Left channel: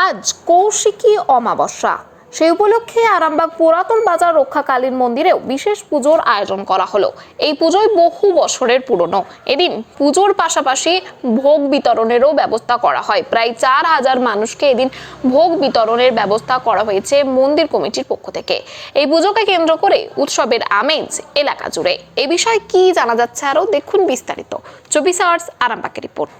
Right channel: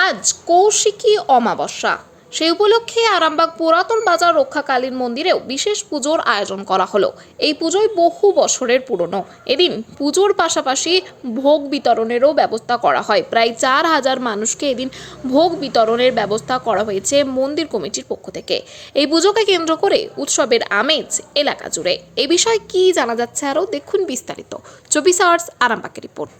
আজ কৌশিকী অমাবস্যা। সেই উপলক্ষে আরামবাগ পুরাতন বাজার রক্ষাকালীন মন্দিরেও বিশেষ পুজোর আয়োজন করা হলো। এই পুজোয় বহু বছরের পুরনো। এদিন পুজোর পাশাপাশি ভোগ বিতরণেরও ব্যবস্থা করা হয়। প্রায় 4,000 মানুষকে এদিন ভোগ বিতরণের ব্যবস্থা করা হয়েছে মন্দির কমিটির পক্ষ থেকে। এই পুজোকে কেন্দ্র করে উৎসবের আমেজ এলাকা জুড়ে। এই বিষয়ে কি জানা যাচ্ছে আরও দেখুন বিস্তারিত 24 আওয়ার্স আরামবাগের রিপোর্ট।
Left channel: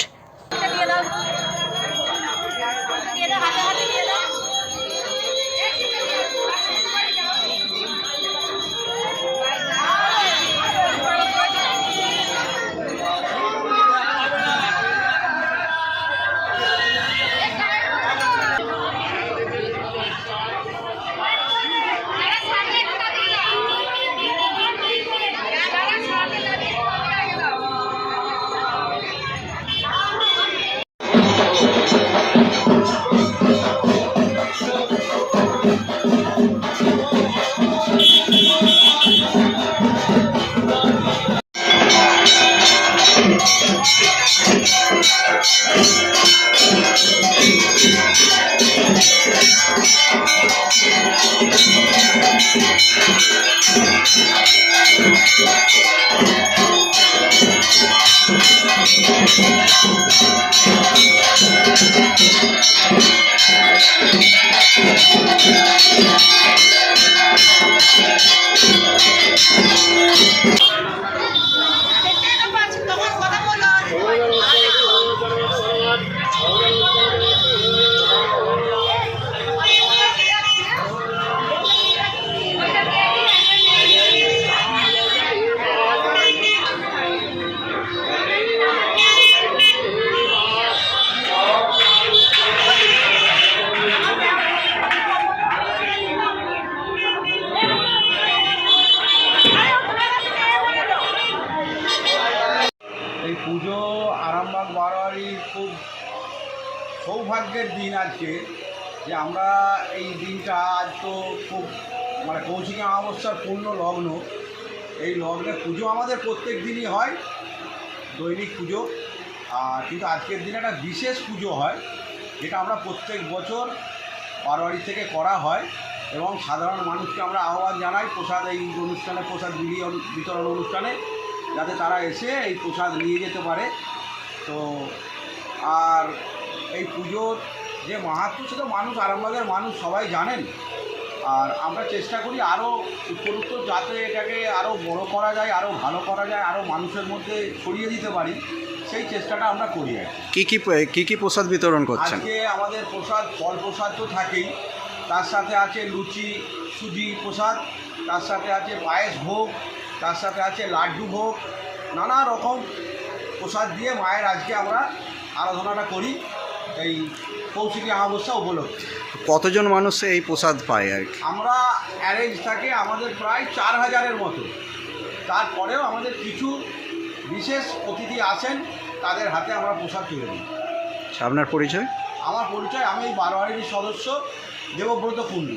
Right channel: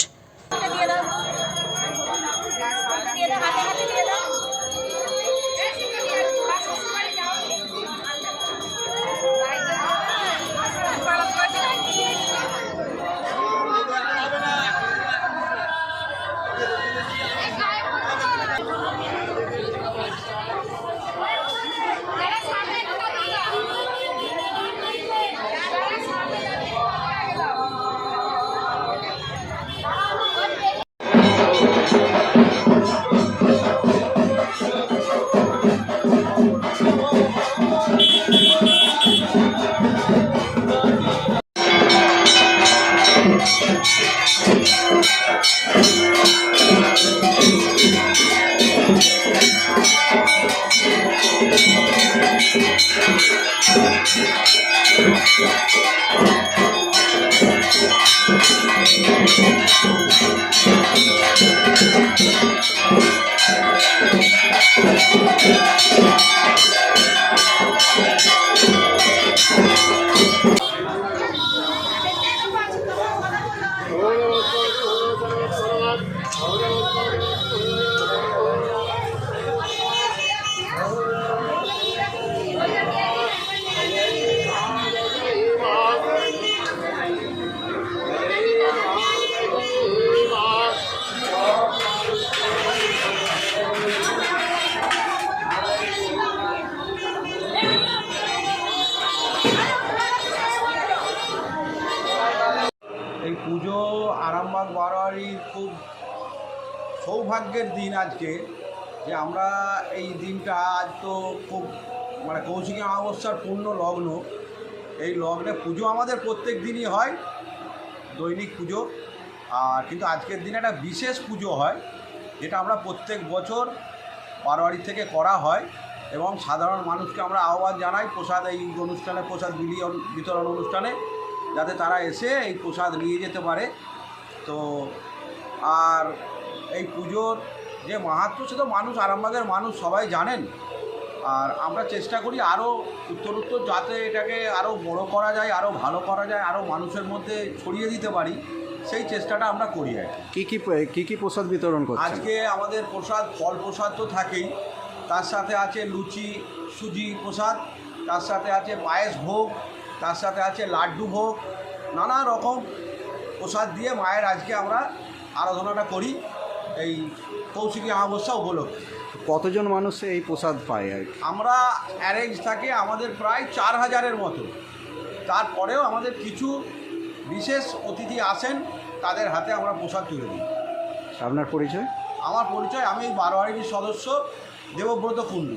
এই পুজো আরামবাগ বারোয়ারির খুব সৌভাগ্যের দিন আজকে, যে আমরা এই দিনটা আজ তো খুব কৌশিকী অমাবস্যার পূর্ণ লগ্ন। এই লগ্নে পুজো আমাদের প্রত্যেক দিনই হয়, দৈনিক পুজো। কিন্তু আজকের দিনে একটা বিশেষ পুজো হয়, যেটা আমরা প্রত্যেক বছর বারোয়ারি থেকে করা হয় এবং সাধারণ মানুষকে আমরা আহ্বান জানাই প্রসাদ এই অনুষ্ঠানে, প্রসাদ বিতরণ অনুষ্ঠানে, যাতে তারা এসে এই প্রসাদ নিয়ে যেতে পারে। তো আর এই পুজোর যে মাহাত্ম্য, সেটা মানুষ, আরামবাগের মানুষ সবাই জানেন। আর আমরা চেষ্টা করি আরও উত্তরোত্তর যাতে এটাকে আরও বড় করা যায়, আরও ভালো করা যায়, আরও মানুষের মধ্যে ছড়িয়ে দিতে পারি, সেই চেষ্টাটা আমরা করি। আর কি প্রসাদ বিতরণ করছেন? আজকে আমাদের প্রসাদ, ফল প্রসাদ তো থাকেই, তার সাথে আছে লুচি সুজি প্রসাদ, তার সাথে আছে পায়েস ভোগ, তার সাথে আছে লাড্ডু ভোগ, নানা রকম প্রসাদ দিয়ে মায়ের আজকে আমরা আরাধনাটা করি এই কৌশিকী অমাবস্যা উপলক্ষে। কতজন মানুষ এই প্রসাদ পায় আর কি? আমরা অ্যারেঞ্জ থাকে আমাদের প্রায় 4,000-এর মতো। তারপরেও আমাদের কিছু বিশেষ অতিথি আসেন, তাদের হাতে আমরা প্রসাদ তুলে দিই। আপনার পরিচয়? আমার পরিচয়, আমি এই বারোয়ারির সদস্য দেবব্রত কুণ্ডু।